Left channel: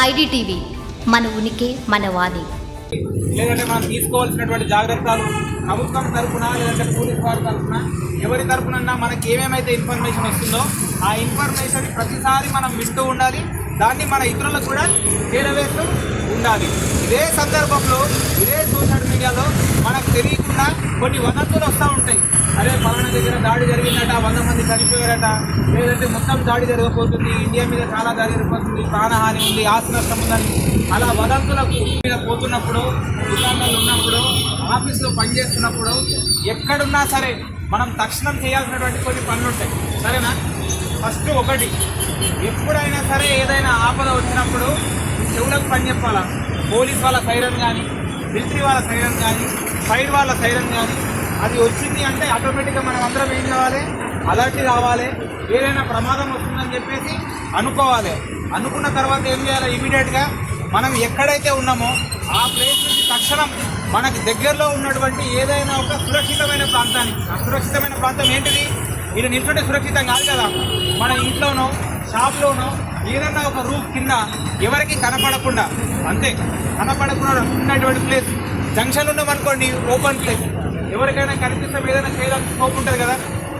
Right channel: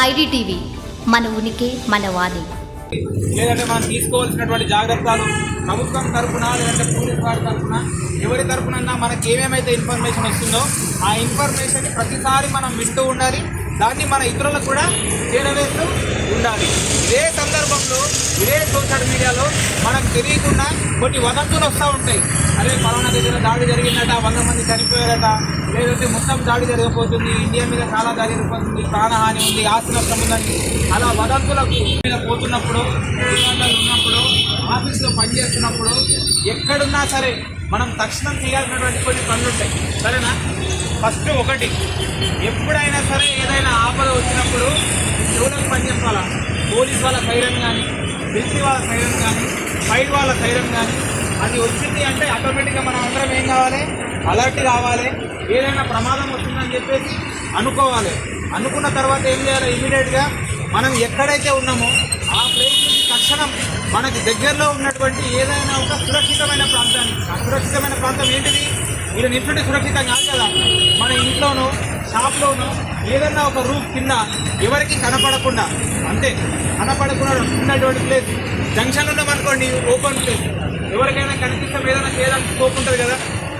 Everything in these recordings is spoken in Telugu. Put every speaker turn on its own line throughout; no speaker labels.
ఐడిటీవీ మన ఉనికి మన వాణి.
లేదంటే మనం తీసుకోవాల్సినటువంటి జాగ్రత్తలు ప్రభుత్వం తరఫున లేదంటే పోలీస్ వారి తరఫున ఎవరి తరఫున మనకి ఏమేమైతే ఇన్ఫర్మేషన్ వస్తుందో ఆ ఇన్ఫర్మేషన్ ప్రతిసారి మనం వింటూ ఉండాలి. దాన్ని మన ఇతరులకు కూడా చేరవేస్తూ ఉండాలి. ఇదే సందర్భంలో ఇదే సోషల్ మీడియా తెలియకుండా కొన్ని వదంతులు వస్తూ ఉంటాయి. అరే పలానా దగ్గర దాడి జరిగిందట వంద మంది చనిపోయారట లేదంటే మొత్తం దాడి జరగబోతుంది ఇండియా మీద చాలా దాడి జరగబోతుంది ప్రాణహాని ఉంది ఆస్తి నష్టం ఉందని. అలా వదంతులకు మీద పోతున్నప్పుడు దుకాణాలు ఉన్నప్పుడు ఆఫీస్లో పనిచేస్తున్నప్పుడు ఎక్కడున్నా సరే మనం తక్షణం చేయాల్సినటువంటి కొన్ని పనులు ఉంటాయి. సరేనా? ఫస్ట్ ఒకటి ఎప్పుడైనా సరే ఏదైనా ఆపద వచ్చినప్పుడు చెవులకు పని చెప్పాలా? పోలీస్ వాళ్ళ సైరన్ కానీ మిలిటరీ వాళ్ళ సైరన్ కానీ ఫైర్ వాళ్ళ సైరన్ కానీ అది వచ్చింది అంటే ఆటోమేటిక్గా మనం అందరం ఏం కావాలి? అలర్ట్ కావాలి. ఏదైనా ప్రమాదం వస్తుందని చెప్పేసి అనుకోవాలి. అనుకున్న తర్వాత ఏం చేయాలి? ఇమీడియట్గా మనం ఎక్కడైతే ఉన్నామో ఆ ప్లేస్ నుంచి తక్షణం మనకు దగ్గరలో ఉన్నటువంటి ఏదైనా ఒక సురక్షితమైన ప్రాంతానికి ఆ సురక్షితమైన ప్రాంతం ఏంటిది? మీరు నిల్చుంటే సురక్షితం కాదు కదా. మన ఇంట్లోనో షాప్లోనో ఏదైనా ఒక రూఫ్ కింద ఎవరికి కనపడకుండా అంతే కనపడకుండా ఉన్నటువంటి ప్లేస్ జంక్షన్ ఉన్నామనుకోండి ఓపెన్ ప్లేస్ ఎవరికైనా కనిపిస్తాం ఏదైనా చేయడానికి స్కోప్ ఉంటుంది కదా.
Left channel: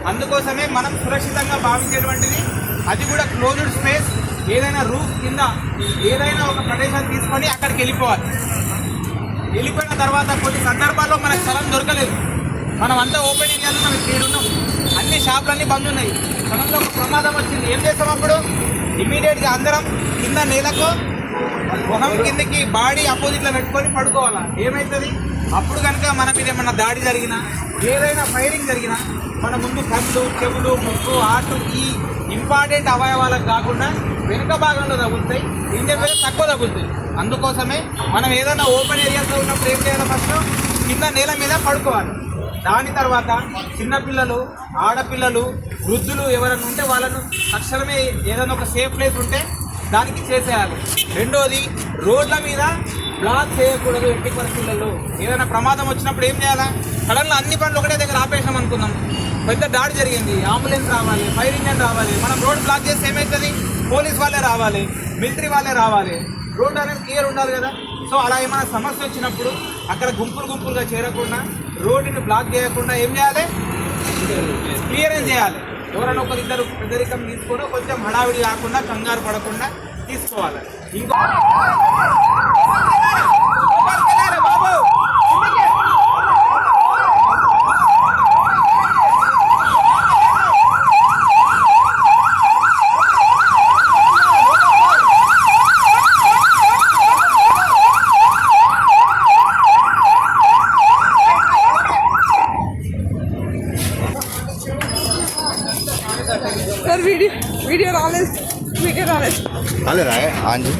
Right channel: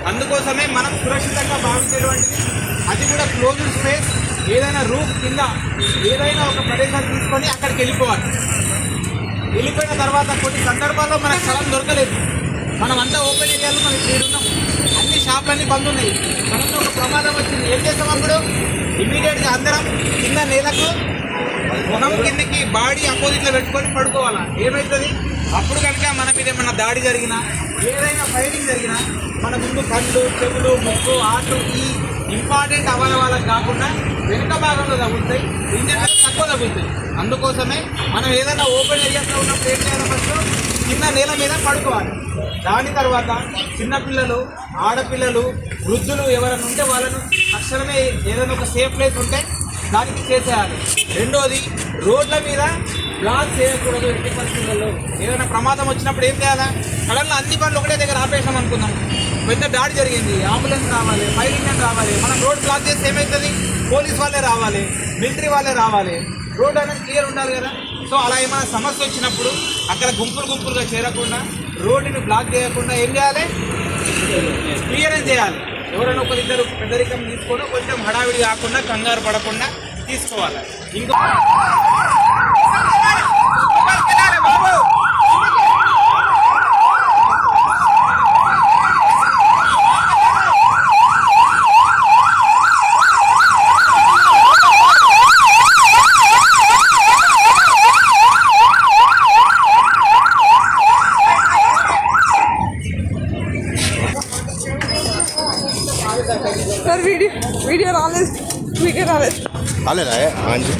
అందుకోసమే మనం సురక్షితంగా భావించేటువంటిది. అది కూడా క్లోజ్డ్ స్పేస్ ఏదైనా రూఫ్ కింద ఏదైనా ఒక ప్రదేశాన్ని తీసుకొని అక్కడికి వెళ్ళిపోవాలి. వెళ్ళిపోయిన తర్వాత కొన్ని సందర్భాల్లో మనకు స్థలం దొరకలేదు. మనం అంతా ఓపెన్ ఏరియాలో మనం ఇక్కడ ఉన్నాం. అన్ని షాపులన్నీ బంద్ ఉన్నాయి. సడన్గా ఒక ప్రమాదం వచ్చింది. ఏం చేస్తాం అప్పుడు? ఇమీడియట్గా అందరం కింద నేలకు ముఖం కిందకి బాడీ అపోజిట్లో పెట్టుకొని పడుకోవాలా? ఏమవుతుంది అప్పుడు కనుక మన మీద ఏమన్నా దాడి జరిగినా ఏదైనా ఫైరింగ్ జరిగినా మన ముందు కళ్ళు చెవులు ముక్కు ఆటు ఈ ఇంపార్టెంట్ అవయవాలకు కాకుండా వెనుక భాగంలో తగ్గుతాయి ఇంజన్ తక్కువ తగులుతాయి. అందుకోసమే మనం ఏదైనా ఓపెన్ ఏరియాస్లో ఉన్నప్పుడు ఏం చేయాలి ఫస్ట్? కింద నేల మీద పడుకోవాలి. దాని తర్వాత చిన్నపిల్లలు ఆడపిల్లలు వృద్ధులు ఎవరైనా ఉంటే వాళ్ళను తక్షణమే ఏదైనా ఒక సేఫ్ ప్లేస్ ఉంటే దానికి చేసేయాలి. రెండోది రోడ్ల మీద బ్లాక్ చేయకూడదు ఎట్టి పరిస్థితుల్లో. ఏదైనా ప్రమాదం వచ్చినప్పుడు ఏం చేయాలా? సడన్గా అన్ని పనులు ఒకటే దగ్గర ఆపేసాం అనుకున్నాం. పెద్ద దాడి జరిగింది. అంబులెన్స్ రావాలి ఫైర్ ఇంజన్ రావాలి. మనం రోడ్ బ్లాక్ చేస్తే ఏమవుతుంది పోలీస్ వాళ్ళే రావాలి మిలిటరీ వాళ్ళే రావాలి. రోడ్ అనేది క్లియర్ ఉండాలి కదా. సో అలా ఏమైనా సమస్య వచ్చినప్పుడు అక్కడ గుంపులు గుంపులుగా చేరకుండా రోడ్డుని బ్లాక్ చేయకుండా ఏం చేయాలి? క్లియరెన్స్ చేయాలి. ఎవరైనా ఒకరిద్దరు పెద్దరికం తీసుకొని కొంచెం హడావిడి కాకుండా కంగారు పడకుండా తీసుకోవాలి. ఇంకా
सर वीडियो वीडियो राले
वीडियो हाँ जी।